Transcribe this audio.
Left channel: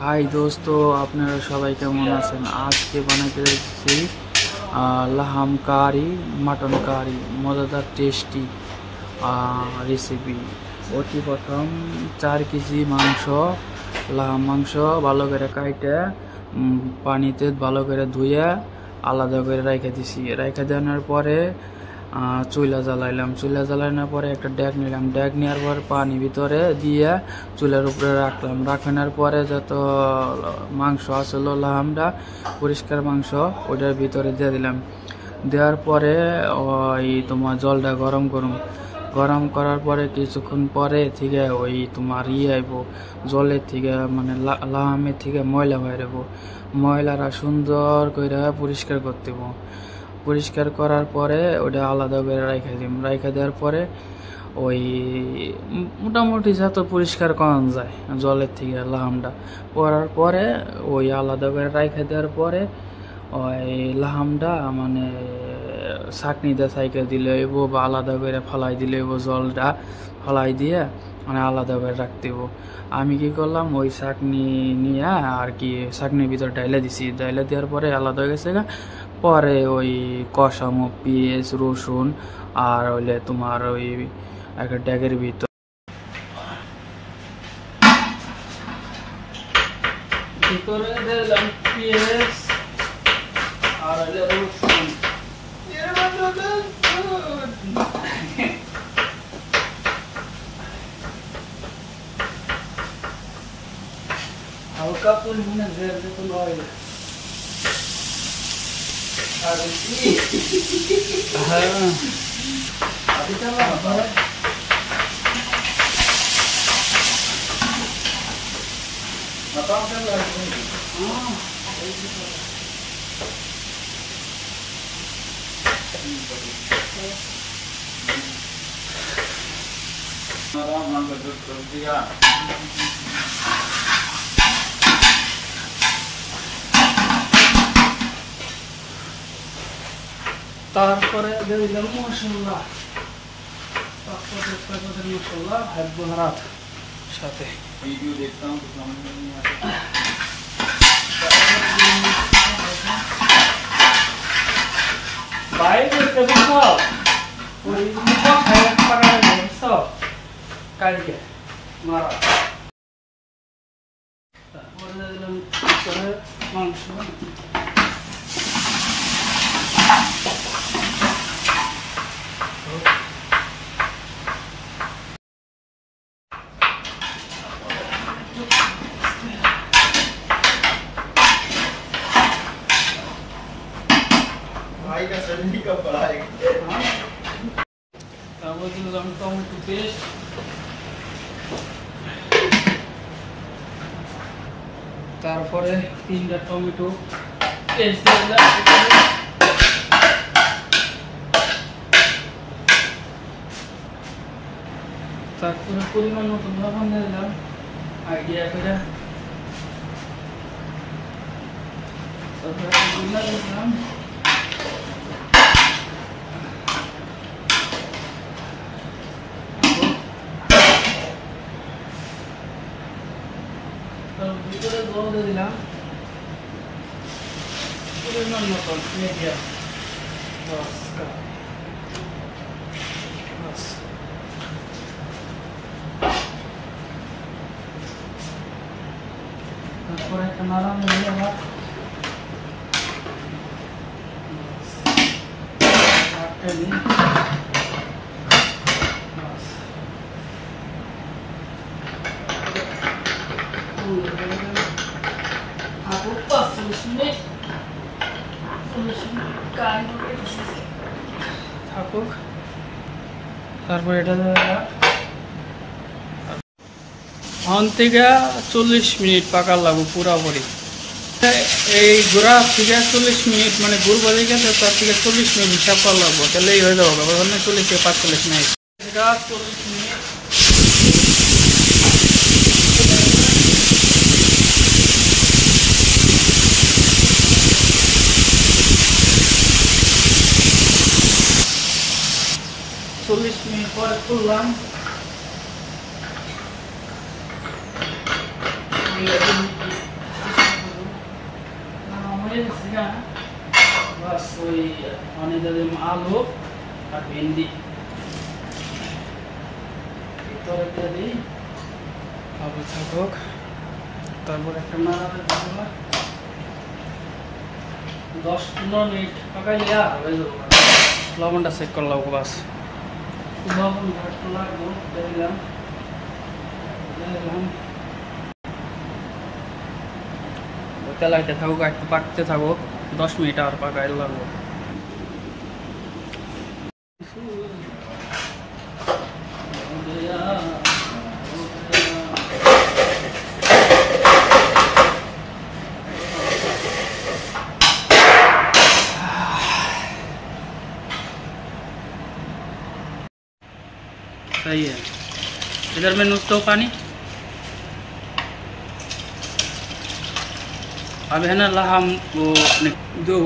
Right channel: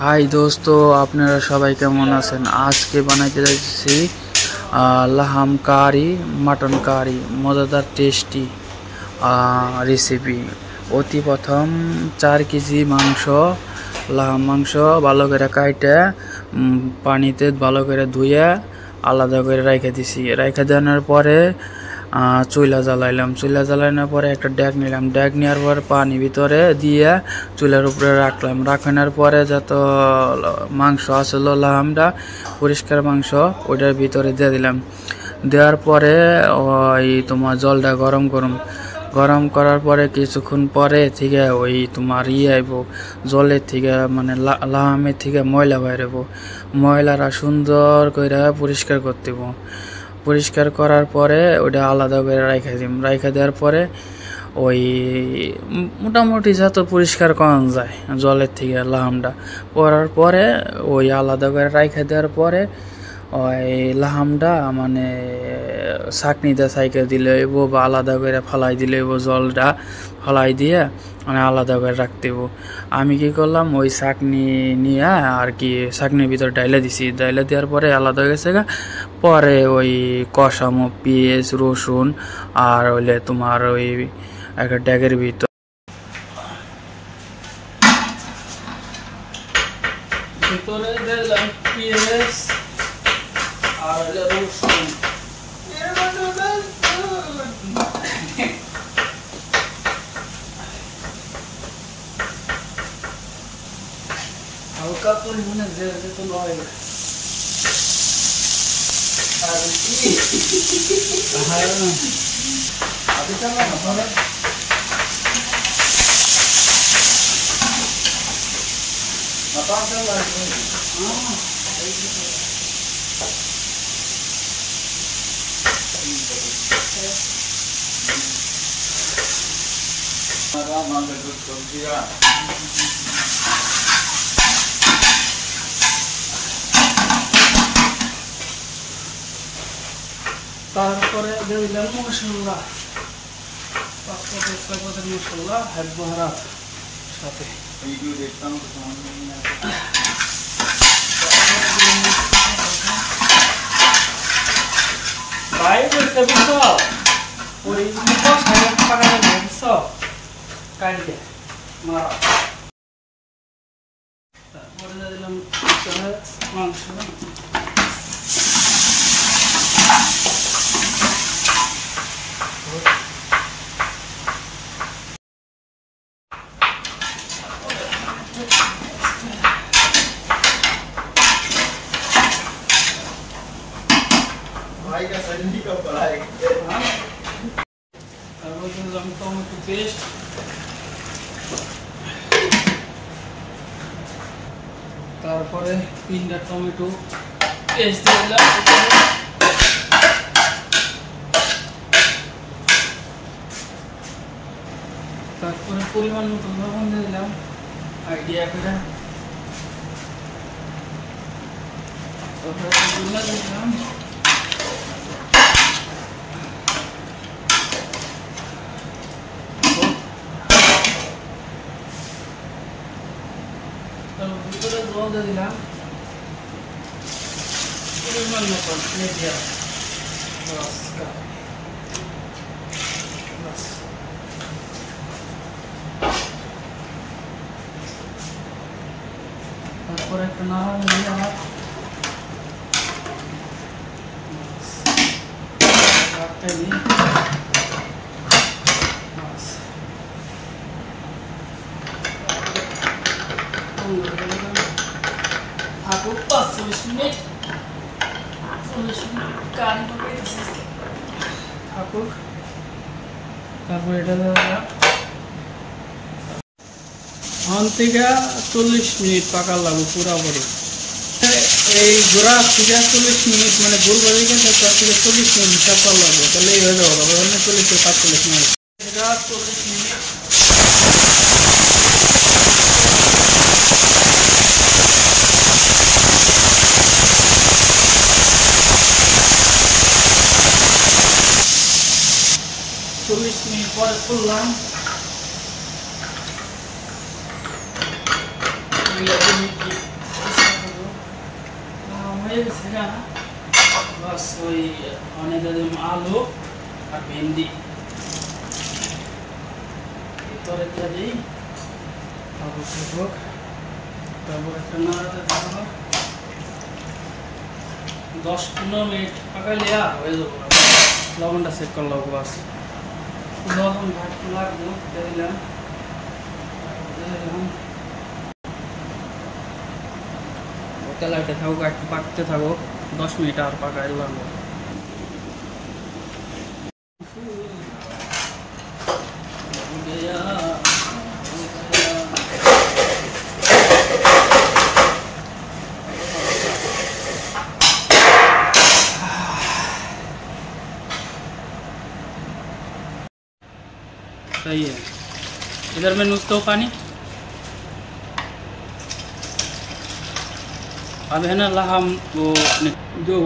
High দোস্ত, আপনারা সবাই কেমন আছেন? আজকে বানাইতে যাচ্ছি লাহাম কারি, মাটন কারি, মজাদার টেস্টি রেসিপি। অতি প্রথম 4 কেজি মাংস, লাহাম মাংস ভালো করে কাইটে পানিতে ভালো করে ধুয়ে আলাদা করে রেখে দিছি। রেখে দেওয়ার পরে চুলা জ্বালানোর পরে একটা ড্যাগ নিলাম। ড্যাগ নেওয়ার পর পানি ভিতরে দিয়ে চুলার উপরে রাখানোর পরে যত মাংস আসলো লাহামটা পরিষ্কার মাংস ওইটার ভিতরে দিয়ে দিলাম। দেওয়ার পরে ওই তোমার জলটা গরম করার পরে কিছুক্ষণ পরে থেকে ওই তোমার আইব জলের থেকে, মানে লাহামের থেকে ময়লা বাইরেব। ময়লাটা সুন্দর করে পরিষ্কার করতে হবে। পরিষ্কার করার পরে ওটা আলাদা করে রাইখা দেওয়ার পরে ওই মোটামুটি যত পরিষ্কার করা যায় জলের থেকে লাহামটা করার পরে ওই আলাদা করে রাইখা দেওয়ার পরে ওই লাহামটা মানে ছাঁকনিতে সাইকেল দিলে হইব বা আলাদা করে ফালাই দিলে হইব। জলটা ফালাই দিয়ে মানে আলাদা করে রাখতে হইব। আমি কি করলাম, ওই ছাঁকনি নিয়ে আর কি ছাঁকনির ভিতর ডাইলা দেওয়ার পরে আলাদা হয়ে গেছে। পরে ওই কষামো পেঁয়াজ রসুন আর হইলে তোমার ওই একটা ড্যাগের ভিতরে দিলাম পেঁয়াজ আর হইলে রসুন। হালকা পরিমাণে জেল দিতে হয়। তারপরে দিলাম মশলা, 5-6 মশলা হাত সাথে তারপরে দিলাম মাংস। भाई का सब्जी कब बनाएगा? टोमेटो पेस्ट, তারপরে 3টা টমেটো পেস্ট দিলাম। তারপরে পরিমাণ মতো লবণ দিলাম আইডিয়া করে। দিলাম ভিতরে জল দিয়ে দিলাম পরিমাণ মতো মিডিয়াম। তারপরে একটা নাড়া নিয়ে আমার থাকুক 45 মিনিট থাকুক। তারপর এটা থেকে 40 মিনিট পাকার লাগবে পুরাপুরি। এই গোড়া থেকে 40 মিনিট মানে গুড় বাজে গেছে, তার থেকে 40 মিনিট হিসাব করা লাগবে, তাহলেই হয়ে যাবে। 40-45 মিনিট 40 মিনিট। পরে খুললাম, का बस वही आने दे दें आलू और भिंडी तो रख दी अब इसको तब रखना है 10-15 मिनट पका लिया हो जाएगा लवण टा सेक कर लो बस लवण भाग तो लागबो दिलाम तेलाते থাকুক একটু পাকতে থাকুক 10 মিনিট আর পাকাইতে লাগবো सही है इधर मैं नुस्खा पानी अब है ना लहम वो जो